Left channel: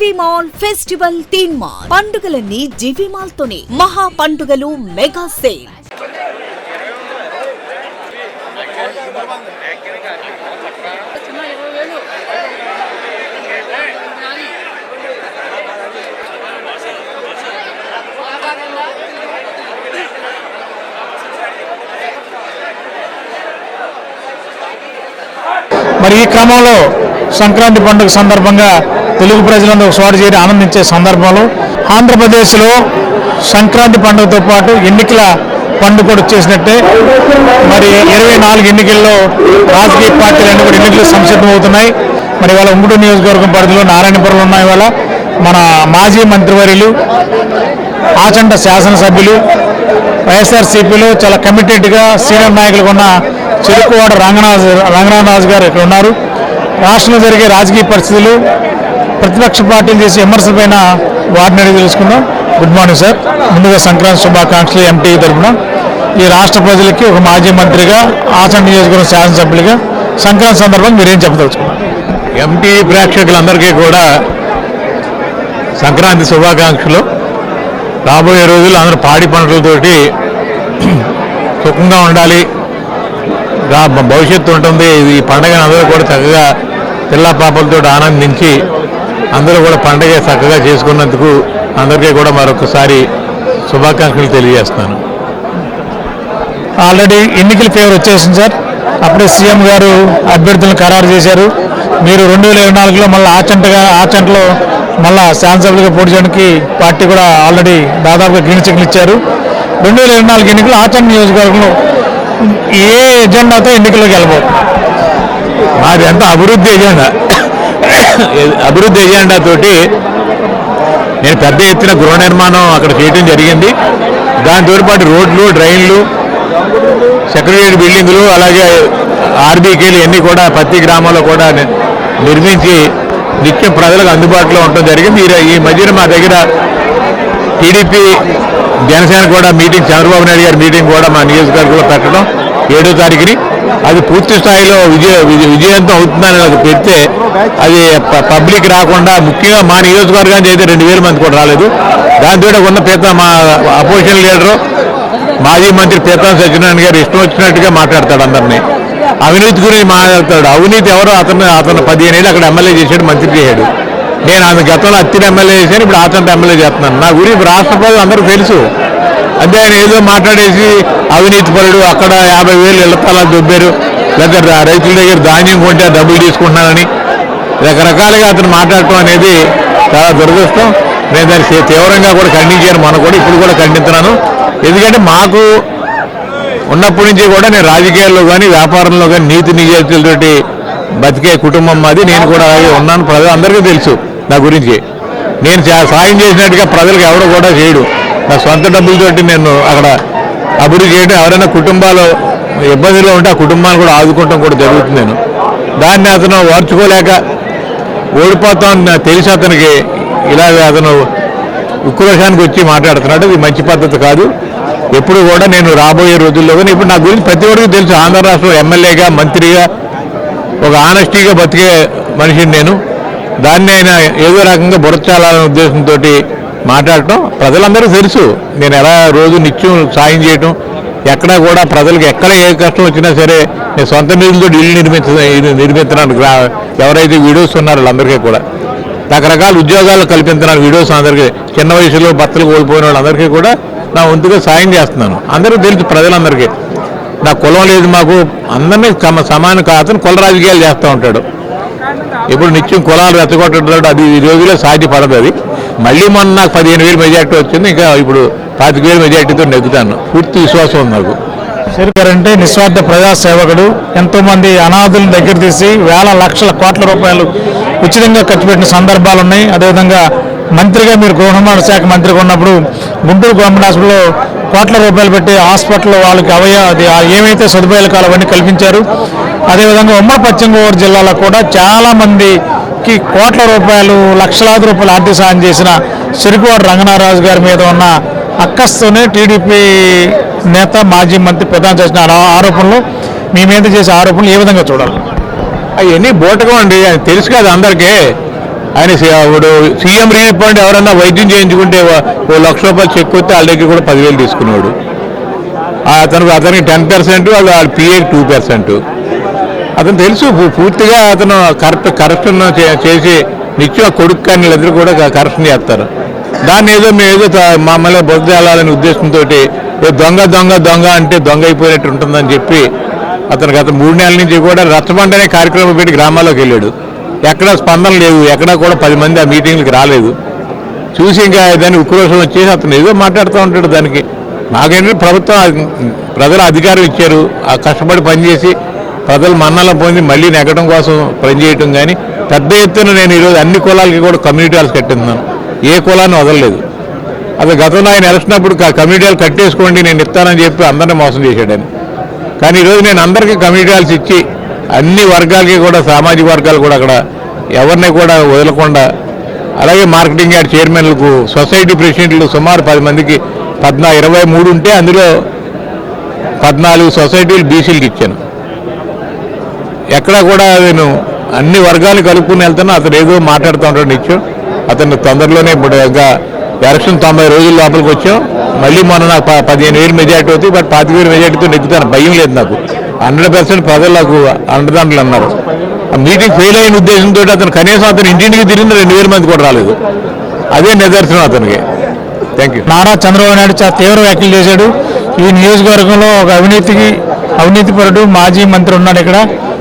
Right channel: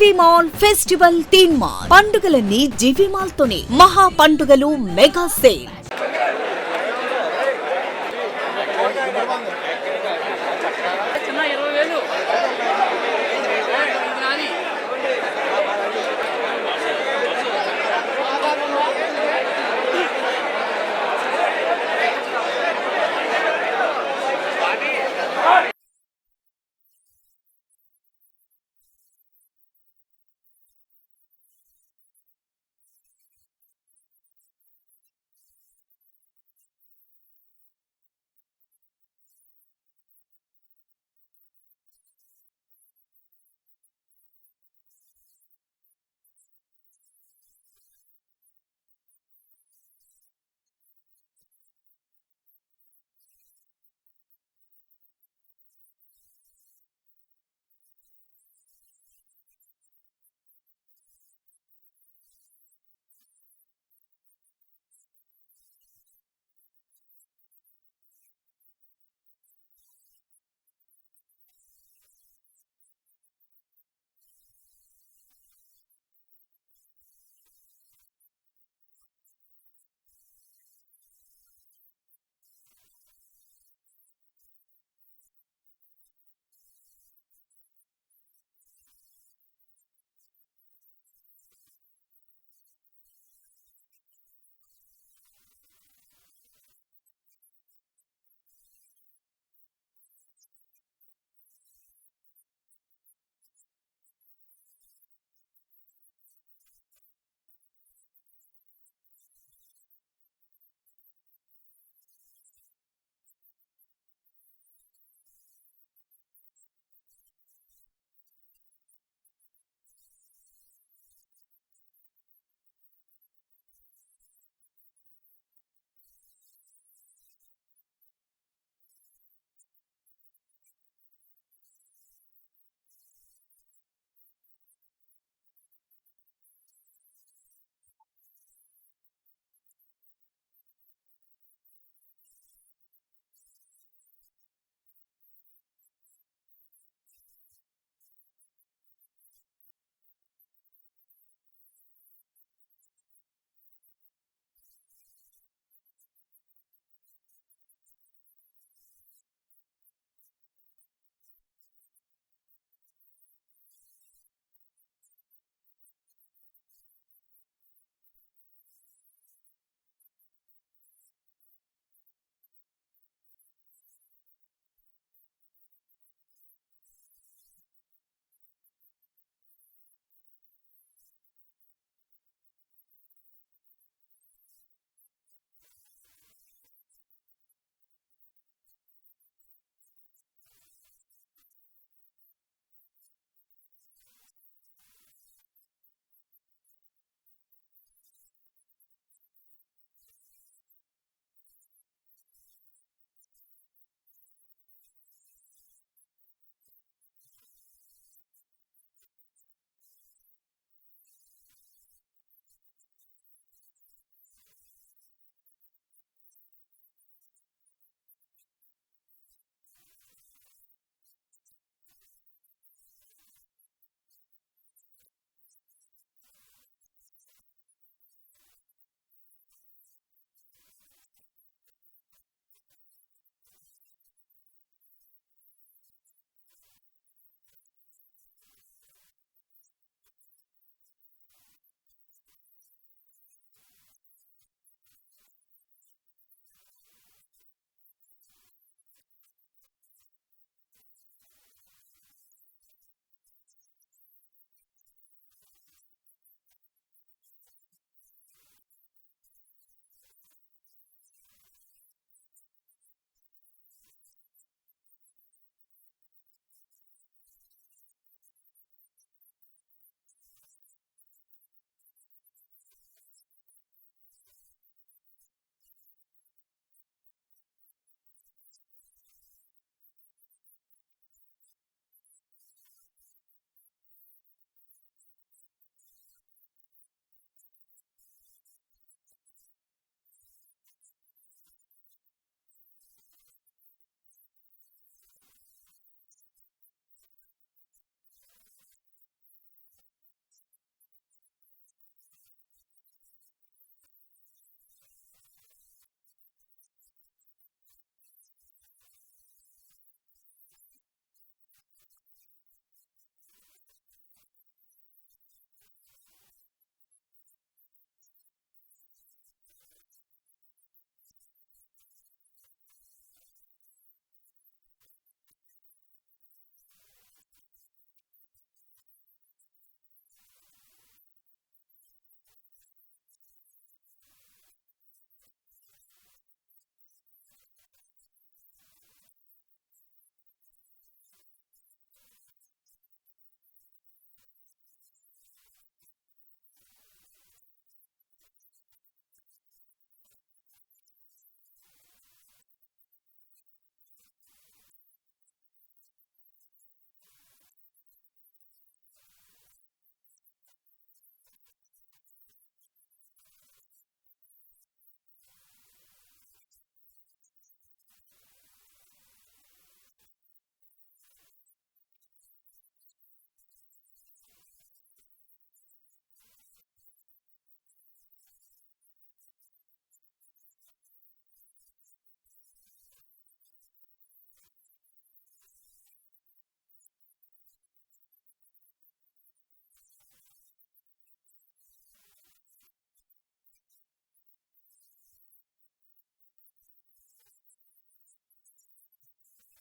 జీవి mall festival theme mall. పండుగలన్నీ జీవి mall తోనే. మహా పండుగలు మెగా సేల్. మరి ఈ క్రమంలో సంక్రాంతి పండుగ సందర్భంగా తెలుగు ప్రజలందరూ ఒకచోట చేరి ఆనందించే సందర్భంలో ఆంధ్రప్రదేశ్లో సంక్రాంతి పండుగతో పాటు ఎన్నికల పండుగ కూడా వచ్చేసినట్టే. మరి 24 ఎన్నికల్లో రాజకీయ పార్టీలన్నీ కూడా ఎన్నికలు సంసిద్ధమవుతున్నాయి. మరి ఇవాళ ఉంగుటూరు నియోజకవర్గం పరిధిలో నారాయణపురంలో ఉన్నాయి. ఇవాళ మన మాజీ మంత్రివర్యులు ఆచంట శాసనసభ్యులు వైఎస్ఆర్సీపీలో చాలా కమిటెడ్గా సీనియర్ నాయకులుగా ఉన్న చెరుకువాడ రంగనాథరాజు గారు ఇక్కడ ఉన్నారు. రాష్ట్రంలో జరిగే రాజకీయ పరిస్థితులు, ప్రతిపక్ష పార్టీలు చేసే విమర్శలపైన వాటిని అడిగి తెలుసుకుందాం. Good morning sir. ముందుగా సంక్రాంతి శుభాకాంక్షలు ఎంటీ తరఫున. ఈ రాష్ట్ర ప్రజలకి ఒక మాజీ మంత్రిగా, ఆచంట నియోజకవర్గం శాసనసభ్యులుగా సంక్రాంతి సందర్భంగా మీరేం చెప్పదలుచుకున్నారు? ఎంటీ ప్రేక్షకులందరికీ కూడా సంక్రాంతి శుభాకాంక్షలు. రాబోయే రోజుల్లో అందరూ పాడి పంటలతోటి సుఖంగా ఉండాలి, భవిష్యత్తు ఉంటుంది. ఈ పండుగను అందరూ కూడా చక్కగా పిల్ల పాపలతో ఆనందించి అందరూ కూడా పండుగ చక్కగా చేసుకున్నందుకు అందరికీ కూడా మరొకసారి శుభాకాంక్షలు తెలియజేస్తాను. ఆల్రెడీ ఎన్నికల ఫేవర్ వచ్చేసింది సార్. అప్పుడే సీఎం గారు అభ్యర్థులను ఖరారు చేశారు. మీరు 2024లో మళ్ళీ ఆచంటలో మళ్ళీ శాసనసభ్యులుగా పోటీ చేయడానికి పార్టీ కూడా ఆల్రెడీ దాదాపుగా గ్రీన్ సిగ్నల్ ఇచ్చారు. 2024 ఎన్నికలు ఆచంట నియోజకవర్గంలో ఏ ఎజెండాతో ఎన్నికల్లోకి వెళ్ళబోతుంది? మాది అంతా అభివృద్ధి ఎజెండా తోటి నేను పెద్ద ఎత్తున గృహ నిర్మాణం అక్కడ చేయడం జరిగింది. దాంతో పాటు రోడ్లు, డ్రైన్లు, సెక్రటరీ బిల్డింగులు, అలాగే ఆర్బీకేలు ఇవన్నీ కూడా ప్రతి గ్రామంలో కూడా నిర్మించి నిత్యం ప్రజలకు అందుబాటులో ఉండటం జరిగింది. ఈ మధ్యన మా దగ్గర టీడీపీ జనసేన కూడా మీటింగ్, చంద్రబాబు నాయుడు గారి మీటింగ్ కూడా మా నియోజకవర్గంలో పెట్టడం 7వ తారీఖుని. అది పూర్తి స్థాయిలో విజయవంతం అవుతుందని నాకు పెడితే అది పబ్లిక్ రాకుండా, ముఖ్యంగా మా నియోజకవర్గానికి అయితే 2000 మంది కూడా రాలేదు. దాంతో ఉన్న మా అపోజిషన్ లీడరు మాజీ మంత్రి పీతాం సత్యనారాయణ గారు ఇష్టం వచ్చినట్టుగా మాట్లాడతాడు. అందరినీ అవినీతి గురించి మాట్లాడతాడు. అవినీతి ఎవరో అతను 15 ఏళ్ళు అక్కడ ఎమ్మెల్యే చేశాడు, మంత్రి చేశాడు. నేను ఆయన గతంలో అత్తిని ఎమ్మెల్యే చేశాను, ఇప్పుడు ఆచంట ఎమ్మెల్యే చేస్తున్నాను. నా గురించి రాష్ట్ర ప్రజలు అందరూ తెలుసు. అంటే ఆయన ఏదో మాట్లాడేసి అవినీతి పరుడు, అక్కడ 50,000 ఇళ్ల స్థలాలు దొబ్బారు, లేదా రైతుల దగ్గర ధాన్యం కొంటే డబ్బులు తీసుకుంటున్నానని రకరకాలుగా అతను మాట్లాడటం అనేది చాలా దురదృష్టం. నేను దాన్ని తీవ్రంగా కూడా ఖండించాను. మనం కూడా ఇప్పుడు కూడా ఖండిస్తున్నాను. ఎందుకంటే మాకు ఉన్నప్పటి నుంచి కూడా నేను రాజకీయాల్లో కానీ వ్యాపారంలో కానీ నీతి నిజాయితీలతోటి బతికే కుటుంబం మాది. నేను కూడా అలాగే ఉన్నాను. ప్రజలు అందరికీ తెలుసు నా గురించి. నేను సాయం చేసినట్టుగా ప్రజలకు ఎవరు కూడా చేయడు. నా సొంత డబ్బులతోటి నేను అక్కడ అభివృద్ధి చేయడం, ఎవరైనా కుటుంబాలు ఇబ్బందిలో ఉంటే ఆ కుటుంబాన్ని కూడా ఆదుకోవటం కూడా జరుగుతుంది. నేను దాన్ని అతను ఓర్చుకోలేక ఓడిపోతామని నాకు తెలిసి అతనికి ఇలాగ అతను ఉక్రోషానికి వచ్చి మాట్లాడుతున్నాడు. ఇది మంచి పద్ధతి కాదు. ఎప్పుడు కూడా నేను రాబోయే రోజుల్లో కానీ ఇప్పుడు నా గురించి ప్రతి ఒక్కరికి తెలుసు. ఆంధ్ర రాష్ట్రంలో ఎమ్మెల్యేగా, మంత్రిగా ఒక ఆనెస్టీగా బతికే మనిషిని నేను. దాన్ని ఆయన ఏదో రకంగా బురచాలనే ఉద్దేశంతో మాట్లాడటం ప్రజలందరికీ తెలుసు. నేను ఎలా రోజు నిత్యం సాయం చేయటం, ఎక్కడా కూడా ప్రజలకు ఎక్కడ ఏ కష్టం వచ్చినా సరే నేను సొంత నిధులతో ఇల్లు నిర్మిస్తున్నాను. ఎవరైతే వీడియోస్ ఉన్నారో వాళ్ళందరికీ కూడా రకరకాల ఉద్యోగాలు కల్పించున్నాను. వీడియోస్ అందరికీ, చిన్న వయసులో భర్తలు కోల్పోయిన వాళ్ళందరికీ కూడా నా వంతుగా సాయం చేస్తున్నాను. అందరికీ తెలుసు, ప్రజలందరికీ. నా కులం లేదు, మాకు అందరినీ సమాన అతను కుల రాజకీయాలు చేస్తూ ఉంటాడు. ఇప్పుడు నిత్యం కులాలు రెచ్చగొట్టడం అది ఈ రోజుల్లో సాధ్యపడదు. అది మళ్ళీ మొన్న నాకు 15,000 మెజార్టీ వచ్చింది. ఇంకా ఇప్పుడు 25,000 మెజార్టీతో నెగ్గుతాను. పూర్తి విశ్వాసం ఉంది నాకు. అంటే నిస్వార్థ ప్రజాసేవకుడు. ఎంతోమంది అనాథులను దగ్గర తీసి వేల లక్షల కోట్ల రూపాయలు ఉచితంగా ఖర్చు పెట్టిన సందర్భాలు ఉన్నాయి. అదేవిధంగా మంత్రిగా మీరు గృహ నిర్మాణ శాఖ మంత్రిగా ఉన్నప్పుడు గుంటూరు గవర్నమెంట్ హాస్పిటల్లో కోట్ల రూపాయలు పెట్టి హాస్పిటల్లో వాళ్ళకి ఏమైతే సదుపాయాలు కావాలో అవన్నీ కల్పించారు. అదేవిధంగా ఉమ్మడి పశ్చిమ గోదావరి జిల్లాలో కూడా చాలామందికి కోట్ల రూపాయలు, లక్షలాది రూపాయలు ఆర్థిక సాయం చేసిన చెరుకువాడ రంగనాథరాజు గారి మీద ఉన్న అక్కస్తోనే టీడీపీ నేత, మాజీ మంత్రి ప్రధాన చేసిన ఆరోపణలు, మీ మీద చేసే ఆరోపణలు ఏ విధంగా చూడాలి? అవన్నీ బోటకం అండి. తెలుసు కదా అందరికీ. ఆయన ఇప్పుడు సీఎం రిలీఫ్ ఫండ్ ఎవరన్నా వైద్యం చేయించుకుంటే ఓ ₹1,00,000 చెక్ వస్తే వాళ్ళ దగ్గర కూడా 10,000 తీసుకునేవాడు. అతనికి 10%, వాళ్ళ పిఏకి 2%. అతను తెలుసు పూర్తిగా అతను కరప్షన్ చేసి నిత్యం కొడుకు కానీ వీళ్ళిద్దరు కూడా కరప్షన్ చేస్తారు. దాన్ని మేము ఏదో మమ్మల్ని బొద్దు వెళ్ళాలనే ఉద్దేశంతో దొంగ అంటే దొంగ అయిపోయినట్టు ఉంటుందని చెప్పి అతను గత 3 నెలల నుంచి కూడా రచ్చబండ అనే కార్యక్రమం పెట్టి గ్రామాల్లోకి వెళ్ళాడు. ఎక్కడా స్పందన లేదు, ఎక్కడా కూడా 10 మంది ఆ మీటింగ్లకు రాలేదు. చూసి ఇంకా దాన్ని ఉక్రోషం వచ్చేసి అతను ఏదో మాట్లాడుతూ ఉంటాడు. దానికి నాకేంటంటే ప్రభుత్వం ప్రజలు అధికారం ఇచ్చారు, ఆ కష్టపడి పనిచేసి ప్రజలు మన్నలం పొంది మళ్ళీ నెగ్గడం కోసం పనిచేయటం. కానీ పెద్ద ఎత్తున నేను ఈరోజు అన్ని కులాలకి కూడా కమ్యూనిటీ హాల్స్ కట్టిస్తున్నాను, ఏ కులాన్ని వదలలేదు. అది గతంలో ఆయన ఎలక్షన్ అప్పుడు కమ్యూనిటీ హాల్ కట్టేసుకోండి నేను ఇస్తానని చెప్పి అందరినీ మోసం చేశాడు ఆయన. కానీ ఈరోజు నేను అందరికీ కమ్యూనిటీ హాల్స్ ఇచ్చి అన్ని వర్గాలకి కూడా సామాజిక వర్గాలు కూడా అక్కడ ఎవరిని కూడా వదలకుండా, అలాగే మార్కెటింగ్ యార్డ్ చైర్మన్లకు సొసైటీ ప్రెసిడెంట్లు సుమారు 10 మందికి 23 ఉంటే అందులో 14 సొసైటీలు బీసీలకు ఇచ్చాను. ఎక్కడ కూడా నేను అన్ని వర్గాలు కలుపుకుని వెళ్తాను. అతను ఏదో మాట్లాడుతూ ఉంటాడు నిత్యం. అతను తొందరలోనే ఇప్పుడు ఇంకా ఎలక్షన్ 90 రోజుల లోపలికి వచ్చాం. మళ్ళీ మొన్న నాకు 15,000 మెజార్టీ అవుతుంది, బట్ 25,000 మెజార్టీతో నెగ్గుతాను, భయం లేదు నాకు. 100% ప్రజలు నాకు అండదండలు అన్నారు. ఆ మీటింగ్ ఫెయిల్ అయిన ఉద్దేశంతో అతను కనీసం అతను ఇంటింటికి తిరిగిన 2,000 మంది కూడా రాలేదు. అదే నిదర్శనం అతనికి. Thank you. నారా చంద్రబాబు నాయుడు చాలా తీవ్ర వ్యాఖ్యలు చేశాడు. ఈ నియోజకవర్గంలో ఒక అవినీతిపరుడు మాజీ మంత్రి ఉన్నాడు ఇక్కడ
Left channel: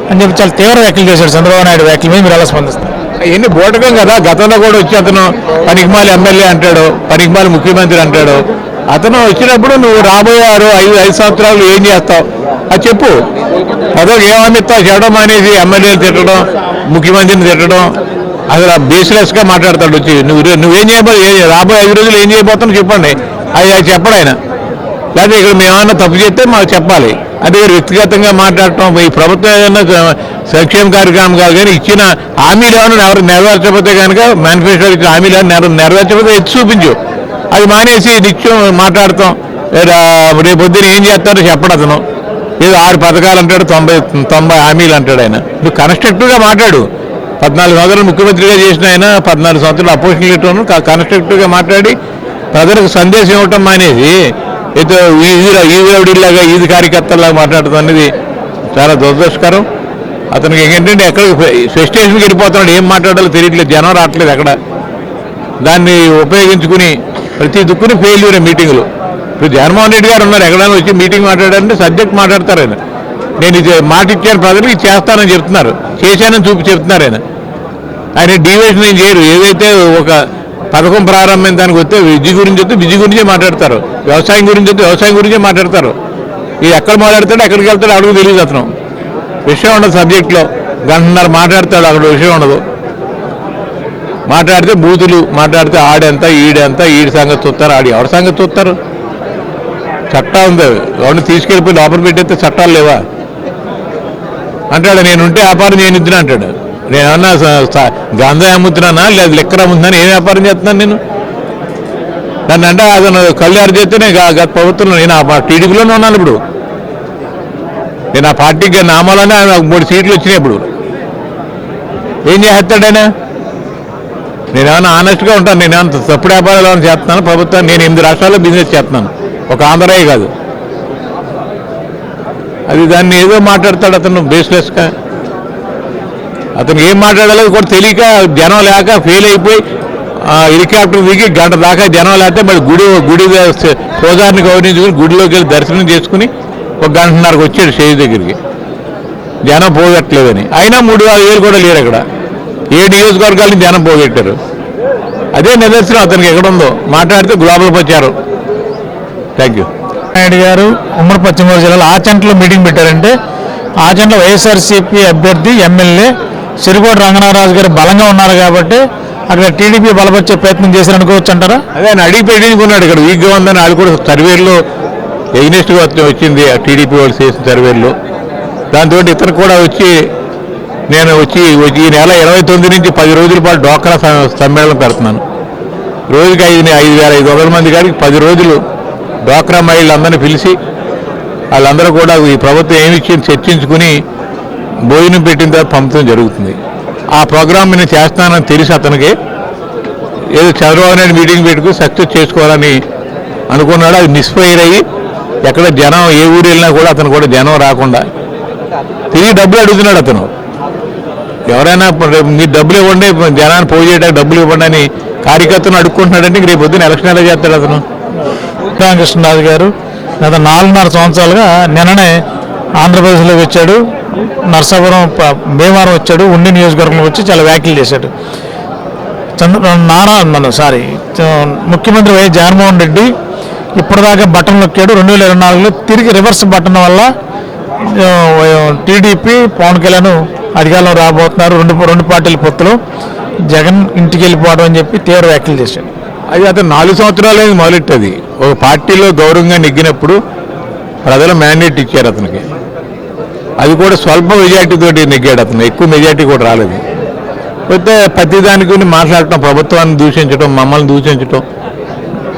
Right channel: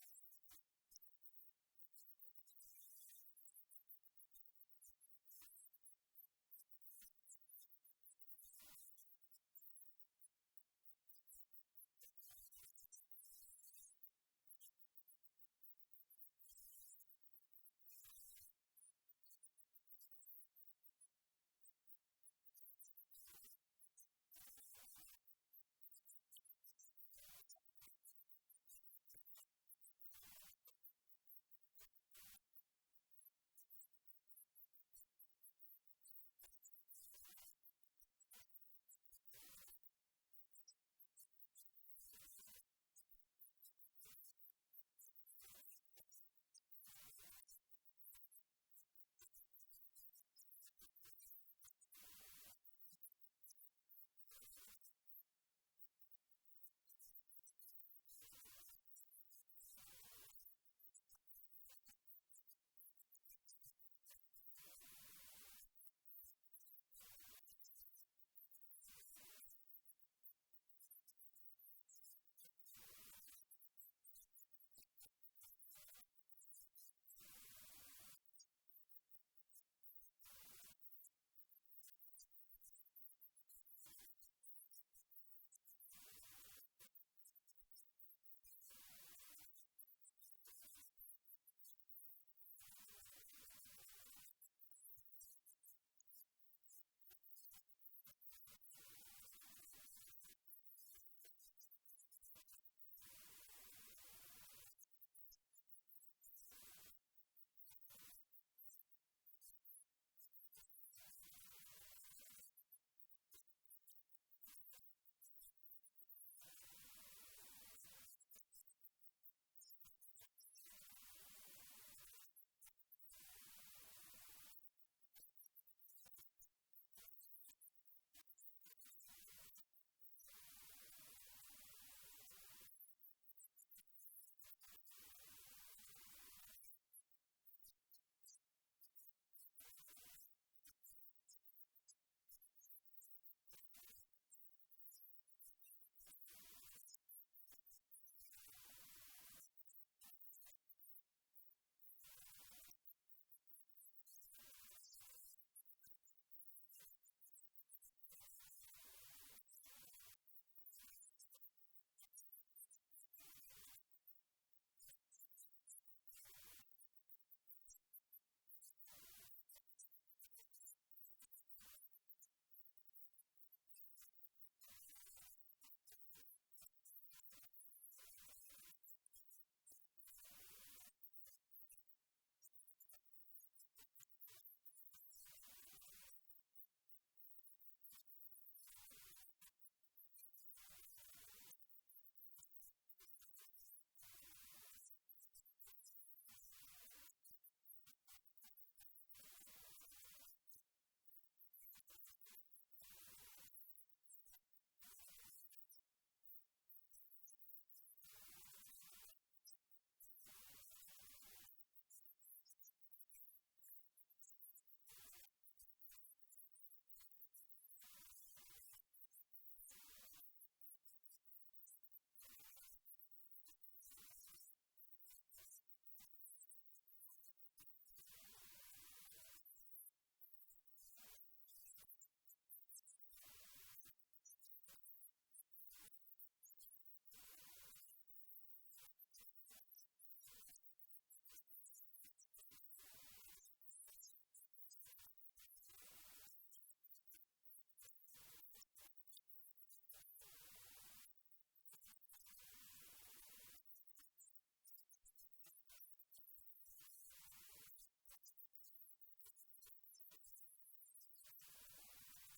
అని చెప్పి చాలా తీవ్ర వ్యాఖ్యలు చేశాడు. చంద్రబాబు నాయుడు వ్యాఖ్యల మీద మీరు ఎలా స్పందిస్తారు? ఎన్ని బోటకం కదా. గతంలో కూడా వచ్చి అతను పనికిమాలి ఎమ్మెల్యే అంటాడు, పనికిమాలి ముఖ్యమంత్రి అంటాడు. అతను వచ్చినప్పుడు నువ్వు రాబోయే 5 సంవత్సరాలు ఏం చేస్తావు అది చెప్పు. ప్రజలకు ఏమనిస్తావు? చెప్పడం అనేసి ఎమ్మెల్యేలు తిట్టడం, ముఖ్యమంత్రిని తిట్టడం, అసలు బేస్లెస్గా మాట్లాడతాడు. వచ్చి నువ్వేం చేయబోయే రాబోయే 5 రోజులు ఏం చేయబోతావు చెప్పండి, అది చెప్పడు ఆయన. లేకపోతే ఇక్కడ మేమన్నా తప్పు చేస్తే మాకు చెప్పాలి. అదే వ్యక్తిగతంగా మాట్లాడటం. ఈ ప్రభుత్వం ఏదైనా సంక్షేమ కార్యక్రమం కాదు, కానీ ఇచ్చిన హామీలు ఏమైనా ఎవరు నెరవేర్చకపోతే కనుక మేనిఫెస్టో ఇచ్చిన హామీలు ఏమైనా నెరవేర్చకపోతే ఎత్తి చూపించు. అది మానేసి నిత్యం మాట్లాడతాం. రేపొద్దున ఏం చేస్తారో చెప్పడు అతను. ఏదో 6 పథకాలు అంటాడు, 90 హామీలు అంటాడు ఆయన. నువ్వు కన్స్ట్రక్టివ్గా మాట్లాడు. 14 సంవత్సరాలు ముఖ్యమంత్రిగా చేసిన ఆయన 14 సంవత్సరాలు అపోజిషన్ లీడర్ను కన్స్ట్రక్టివ్గా మాట్లాడి ప్రజలకు సందేశం ఇవ్వటం మానేసి ఏదో ఈదిలాగా ఈది కార్యకర్తలాగా మాట్లాడటం అనేది చాలా దురదృష్టకరం. అతనికి ఏంటంటే ఎక్కడ స్టేషన్కి వెళ్ళిపోతున్నాడు, ఏం మాట్లాడాలో తెలియట్లేదు, జనం రావట్లేదు ఎక్కడ. దాన్ని ఉపయోగించుకుని ప్రతి దుక్కుని ఫెయిల్యూరే మీటింగులు. ఇప్పుడు జగన్మోహన్ రెడ్డి గారు ఉన్నారు, ఎక్కడైనా వచ్చి మీటింగ్ మాట్లాడారంటే సబ్జెక్ట్ మాట్లాడతారు ఆయన. నేను ఇది మాట ఇచ్చాను ప్రజలకు, ఇది చేస్తానని చెప్తున్నారు, చేశానని చెప్తున్నారు ఆయన. ఆయన డీవియేషన్ ఏం చేయరు. ఏదైతే ఒక పథకం ప్రారంభమైన దానికి వస్తే విద్య గురించి వస్తే విద్య గురించే మాట్లాడతారు, వ్యవసాయం గురించి వస్తే వ్యవసాయం గురించే మాట్లాడతారు. ఇది ఎక్కడ మాట్లాడతాడు, ఎక్కడికి వెళ్తాడు అడుగు తెలియదు. అతను విషయం ఉండదు సబ్జెక్ట్లో. గంటన్నర మాట్లాడతాడు, అక్కడ విషయం ఉండదు. మాట్లాడితే బూతులు మాట్లాడితే ఆడెంత ఈడెంత, ఈడి సంగతి చూస్తారు, ఆడి ఎవరి సంగతి చూస్తారు. చట్టం ఉంది, ఎవరిని తీసుకెళ్ళిపోయి లోపల పెట్టేస్తే చట్టాలు లేవా అంటాడు. నేనుంటే వ్యాపారం చేయనిద్దునా అంటాడు. నేనేమన్నా గంధం అమ్ముతున్నానా లేదా లిక్కర్ అమ్ముతున్నాను, ఏం వ్యాపారం చేస్తున్నాను నేను? దాన్ని అంటే అతను కళ్ళు అరిచేస్తే నేను గత ప్రభుత్వంలో నేను ఆ టీడీపీలోనే ఉన్నాను. ఇప్పుడు నేను ఆ పార్టీకి నామాలోనే 3 సీట్లు వచ్చినాయి. ఇప్పుడు ఏం చేస్తాడైనా? నేనేమన్నా ఆనెస్ట్గా ఉంటాను. నేనేమన్నా తప్పుడు వ్యాపారాలు చేస్తున్నాను ప్రభుత్వం. నేను 8 రాష్ట్రాల్లో బిజినెస్ చేస్తున్నాను, ఒక ఆంధ్రాయే కాదు. అది దాన్ని ఏదో మాట్లాడతాడు అతను బేస్లెస్గా. అతను ఏం మాట్లాడాలో కూడా తెలియక, జనం లేక ఫెయిల్ అయిపోయి హెలికాప్టర్ దిగి గంట దాకా జనం లేకపోతే మరి గుడి పూజారిని గౌరవించుకుని గుడిలోకి వెళ్ళి దర్శనం చేసుకుని 1 గంటన్నరకు వచ్చాడు స్టేజ్ దగ్గరికి. జనం పోగొట్టలేదని. అయినా 3,000 కూడా లేరు అక్కడ. 7 నియోజకవర్గాల నుంచి జనం పోగొట్టారు. అదే నిదర్శనం అతనికి ఎక్కడుందో. మాట్లాడితే గ్లోబల్ ప్రచారం. Thank you. నాయుడు గారు ఉమ్మడి పశ్చిమ గోదావరి జిల్లాలో ఆచంటలో మీటింగ్ పెట్టారంటే, ఆచంటలో వైఎస్ఆర్సీపీ అభ్యర్థి ఎమ్మెల్యే సిరికోట రంగనారాజు గారు బలంగా ఉన్నారు కాబట్టి అక్కడ టీడీపీ బలపరిచే ప్రయత్నం చేశారనుకోవచ్చు అంటారా? అదే ఆయన అడిగి పెట్టించుకున్నాడు. ఇక్కడ వీక్గా ఉందని వాళ్ళు కూడా సర్వేల్లో ఎగ్నెస్ట్గా వచ్చింది, టీడీపీ వాళ్ళు చేసిన సర్వేల్లో. దాంతో ఇతను కూడా వచ్చి నేను వచ్చి ఈ నెల 29 నుంచి 10 రోజుల పాటు డ్వాక్రా సమ్మేళనం పెడుతున్నాను. రోజుకి 5,500 మంది కాడికి 10 రోజులు డ్వాక్రా మహిళలందరినీ పిలిచి వాళ్ళందరూ కూడా ఈ ప్రభుత్వం ఏమి ఇచ్చింది చర్చించుకుని భోజనం పెట్టిన తర్వాత పంపడం జరుగుతుంది. ఆ ప్రోగ్రామ్ నేను చేస్తానని తెలిసి అతనికి ఏదో చంద్రబాబు నాయుడు మీటింగ్ పెట్టుకుని సక్సెస్ చేసుకోవాలని అనుకున్నాడు. అది మిస్ఫైర్ అయ్యి ఎక్కడ జనం ఏ ఊరు వెళ్ళినా కూడా అతను కూడా జనం రాకుండా తిరిగి డబ్బులు అడుగుతున్నాడు. అతను ఎవరైనా మీరు డబ్బులు ఇవ్వండి, జనాన్ని పోగు చేయడానికి డబ్బులు ఇవ్వండి అని కార్యకర్తను అడుక్కుంటున్నాడంటే రేపు పొద్దున్న ఎలక్షన్ ఎలా చేస్తాడు అతను? రామకృష్ణరాజు గారు గత 4.5 సంవత్సరాలుగా నిన్ననే ఆంధ్రప్రదేశ్లోకి వచ్చాడు, నర్సాపురం భీమవరం వచ్చాడు, ఉండి నియోజకవర్గంలోకి వచ్చి చాలా వ్యాఖ్యలు చేశాడు. ముఖ్యమంత్రి వైఎస్ జగన్మోహన్ రెడ్డి ఇప్పటిదాకా బటన్ నొక్కాడు. 2024లో తిరిగి రివర్స్ బటన్ వల్ల టీడీపీ పవన్ కళ్యాణ్ అధికారంలో రాబోతున్నారు, రెండు పార్టీల పొత్తులు, జగన్ ఇంటికి వెళ్ళిపోవడం అని చెప్పి తీవ్ర వ్యాఖ్యలు చేశాడు. అది అతను 4 సంవత్సరాలు మొదలెట్టది. ఒక పార్టీలో గౌరవంగా నెగ్గినప్పుడు ప్రజలు మ్యాండేట్ ఇచ్చారు అతనికి. అది కూడా స్వల్ప మెజార్టీ తోటి నెగ్గాడు అతను, ఎక్కువ మెజార్టీ కూడా రాలేదు. పోతే ప్రతి దాని గురించి మాట్లాడటం, ప్రభుత్వాన్ని దూషించడం, మమ్మల్ని దూషించడం.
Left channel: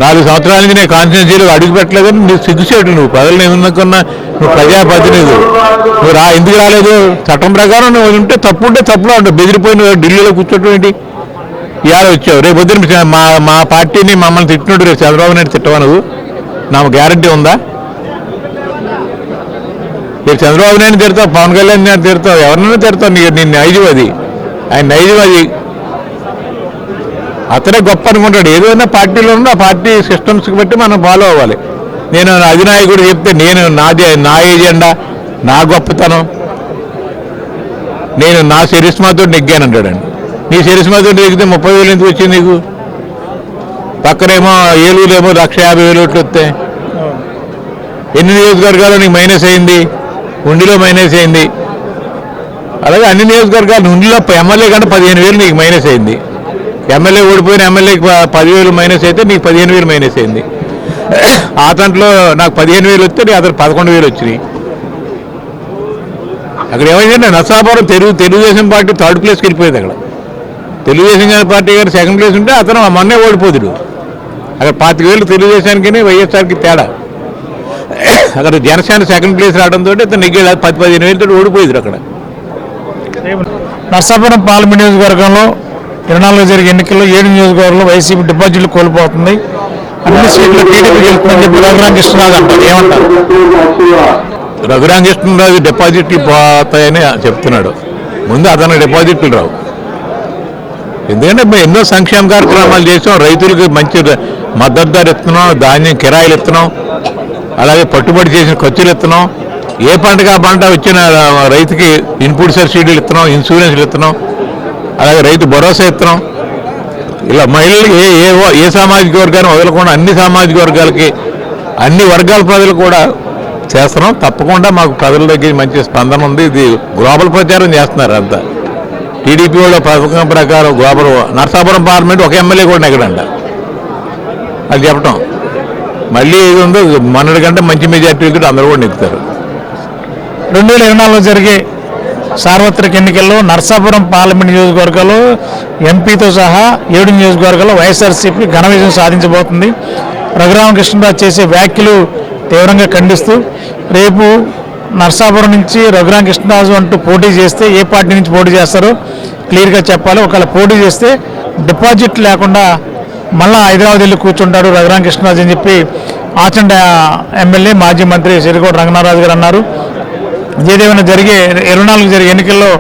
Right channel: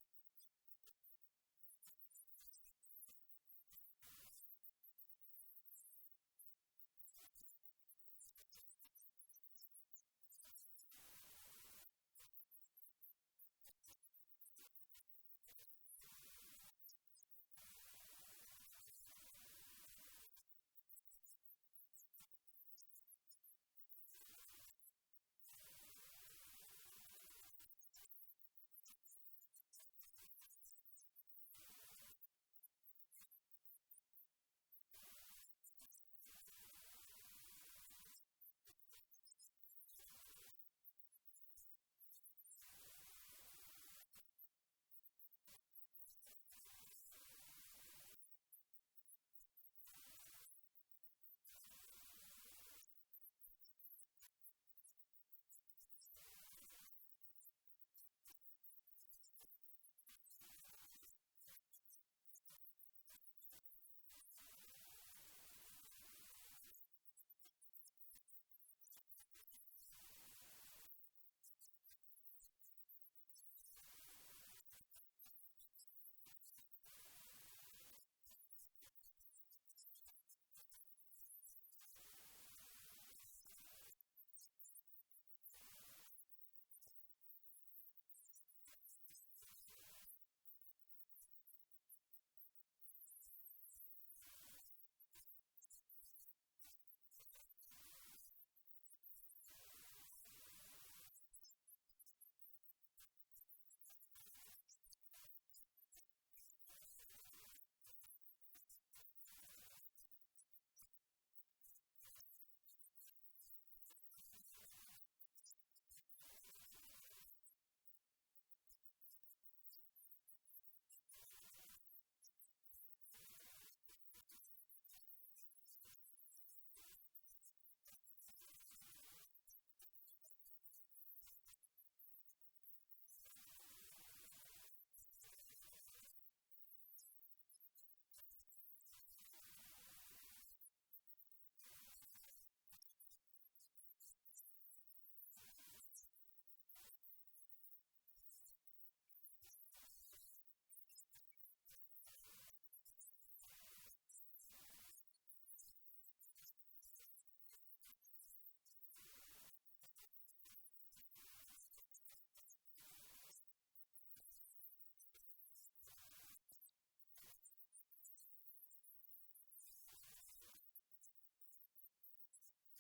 4 సంవత్సరాల నుంచి నేను కాన్స్టిట్యూన్సీలో అడుగు పెట్టలేదని నువ్వు సిగ్గుచేటు. నువ్వు ప్రజలను ఏమనుకున్నా నువ్వు ప్రజాప్రతినిధి, నువ్వు ఎందుకు రాలేదు? చట్టం ప్రకారం నువ్వు ఉంటే తప్పు ఉంటే తప్పులో ఉంటావు. బెదిరిపోయిన ఢిల్లీలో కూర్చోటం ఏంటి? ఇవాళ వచ్చావు, రేపు పొద్దున మా పార్టీని మమ్మల్ని తిట్టినట్టు రేపు చంద్రబాబు నాయుడు తిట్టవా నువ్వు? నాకు గ్యారంటీ ఉందా? రేపు చంద్రబాబు నాయుడు తిడతావు, పవన్ కళ్యాణ్ నాయుడు తిడతావు, ఎవరినైనా తిడతావు. నీ నైజం అది, ఆయన నైజం అది. అతనే గొప్ప అనుకుంటాడు. ఏదైనా పార్టీలో ఉన్నా ఆ పార్టీ సిస్టమ్స్కి బట్టి మనం ఫాలో అవ్వాలి. నేను అధినాయకుడు చెప్తే నేను నా ఏజెండా, నా గొప్పతనం, నేను నా చరిస్మాతో నెగ్గాను అంటాడండి. నీ చరిస్మాతో నెగ్గితే 30,000 ఎందుకు వచ్చింది నీకు? పక్కనేమో ఏలూరేమో 150,000 ఓట్లు వస్తాయి. ఎన్ని నియోజకవర్గాలు నీకు మైనస్ అయింది? ఉండిలో మైనస్ అయింది. అలాగే అన్ని నియోజకవర్గాలు ఉండిలో ఎమ్మెల్యే కంటే 15,000 నీకు మైనస్ అయింది. ఎమ్మెల్యే ఓడిపోయిన ఎమ్మెల్యేకి 10,000 మైనస్ అయితే నీకు 15,000 మైనస్ అయింది. ఆ తంట్లో నాకు 15,000 వస్తే నీ అతను 11,000 వచ్చినాయి. అక్కడ ఏమైందంటే నర్సాపురం తెలుగుదేశం పార్టీ 3rd ప్లేస్కి వెళ్ళిపోయింది. అక్కడ తెలుగుదేశం పార్టీ గారు 2nd ప్లేస్ ఉంటే అతను మొన్నే ఓడిపోతుడు. అక్కడ 25,000 తెలుగుదేశానికి వైఎస్ఆర్కి తేడా. అక్కడ జనసేన 2nd ప్లేస్ రావడంతో ఇతను నెగ్గాడు. 10-15,000 ఓడిపోయింది. అక్కడ నర్సాపురం పార్లమెంట్ నియోజకవర్గంలో 24 జరిగే ఎన్నికల్లో 7 నియోజకవర్గంలో వైసీపీ డిపాజిట్లు కోల్పోతుంది, అన్ని సీట్లు టీడీపీకి వెళ్తుందని చెప్పి రఘురామకృష్ణరాజు అంటారు. ఏమంటారు? రఘురామకృష్ణరాజు డిపాజిట్లు పోతాయని చెప్తున్నాడు. ముందు అతను డిపాజిట్లు రావు. ఎందుకంటే మేము ఎన్నో సంక్షేమ కార్యక్రమాలు చేసాం, రైతులకు మంచి మద్దతు ధర ఇస్తున్నాం, ధాన్యం కిరాయిలు ఇస్తున్నాం, అలాగే పట్టుబడి చేసిన ఖర్చులు ఇస్తున్నాం. ఏ పంటకు ఆ పంట వచ్చిన రైతుకి ఇన్పుట్ సబ్సిడీలు ఇస్తున్నాం, ఇన్సూరెన్స్లు ఇస్తున్నాం, అలాగే రైతు భరోసా ఇస్తున్నాం. ఇలా మహిళలు ఏ సామాజిక వర్గాన్ని వదలకుండా అన్ని సామాజిక వర్గాలకి, అన్ని వర్గాల ప్రజలు కూడా చేస్తున్నాం. తప్పకుండా మాకు ప్రజల దగ్గర మంచి స్పందన ఉంది. ఇది గ్లోబల్ ప్రచారం చేస్తున్నారు అంతా. టీడీపీ వాళ్ళ పథకం ప్రకారం గ్లోబల్ నర్సాపురం పార్లమెంట్ ఒక ఎమ్మెల్యే కూడా నెగ్గడంట. అది చెప్పటం మళ్ళీ ఏది ఉందో మొన్నటి కంటే మంచి మెజార్టీలతో అందరూ కూడా నెగ్గుతారు. 2024లో జరిగే సార్వత్రిక ఎన్నికల్లో నర్సాపురం పార్లమెంట్ నియోజకవర్గాల్లో ఎంపీతో సహా 7 నియోజకవర్గాల్లో వైఎస్ఆర్సీపీ ఘన విజయం సాధించబోతుంది. రఘురామకృష్ణరాజు చేసే వ్యాఖ్యలు తీవ్రంగా ఖండిస్తూ రేపు నర్సాపురం నుంచి రఘురామకృష్ణరాజు అంటూ పోటీ చేస్తే ఏ పార్టీ నుంచి పోటీ చేస్తారో క్లియర్గా చెప్పాలి. ఒకవేళ పోటీ చేస్తే డిపాజిట్ లేకుండా మళ్ళా హైదరాబాద్ వెళ్ళి కూర్చుంటాడు రఘురామకృష్ణరాజు అని చెప్పి ఆచండ ఎమ్మెల్యే మాజీ మంత్రి సిరికోట రంగనారాజు గారు అన్నారు. ఏదేమైనా 24 జరిగే ఎన్నికల్లో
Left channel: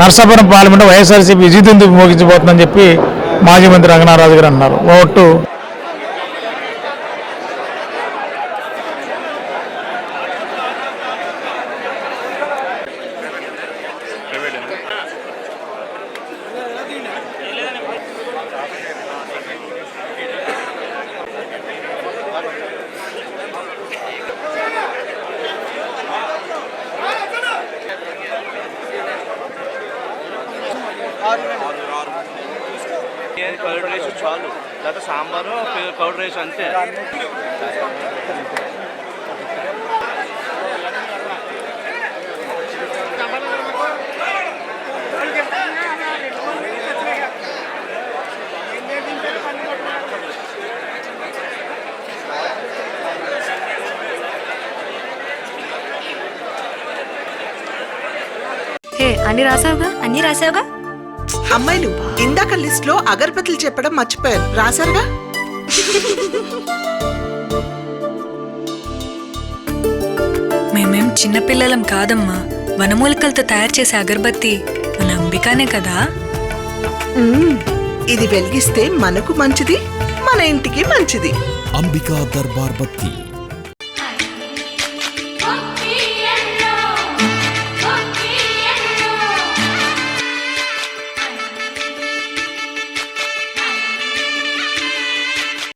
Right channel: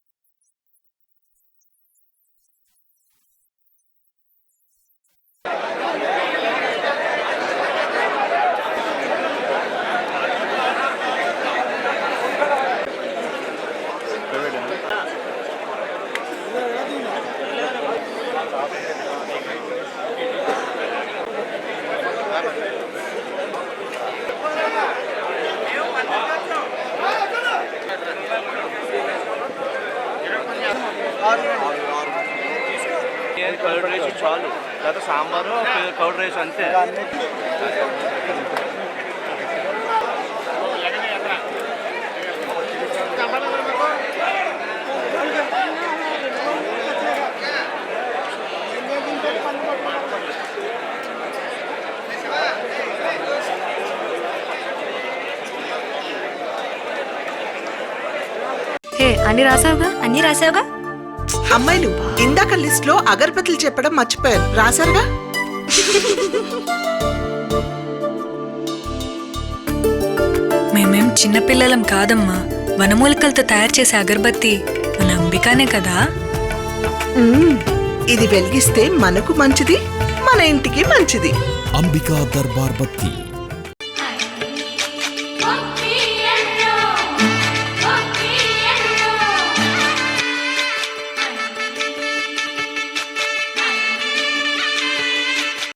నర్సాపురం పార్లమెంట్ వైఎస్ఆర్సీపీ విజయదుందు మోగించబోతుందని చెప్పి మాజీ మంత్రి రంగనారాజు గారు అన్నారు. ఓటు కర్డ్ రైస్ చాలు, లేదా సాంబారు కర్డ్ రైస్ అంతే. హే, అన్ని రాసావుగా? అన్నీ రాసావుగా? అమ్మాయిలు ఇందాక లిస్ట్ లో అగరబత్తులు చెప్పడం మర్చిపోయారు, రాశారుగా? మేమేం చిన్నపిల్లలం కాదమ్మా. వనమూలికలతో తయారు చేసే అగరబత్తి మన అంబికానే కదా. ఇది వెలిగిస్తే మనకు మంచిది, మన ఇంటికి మంచిది. అంబికా దర్బార్ బత్తి.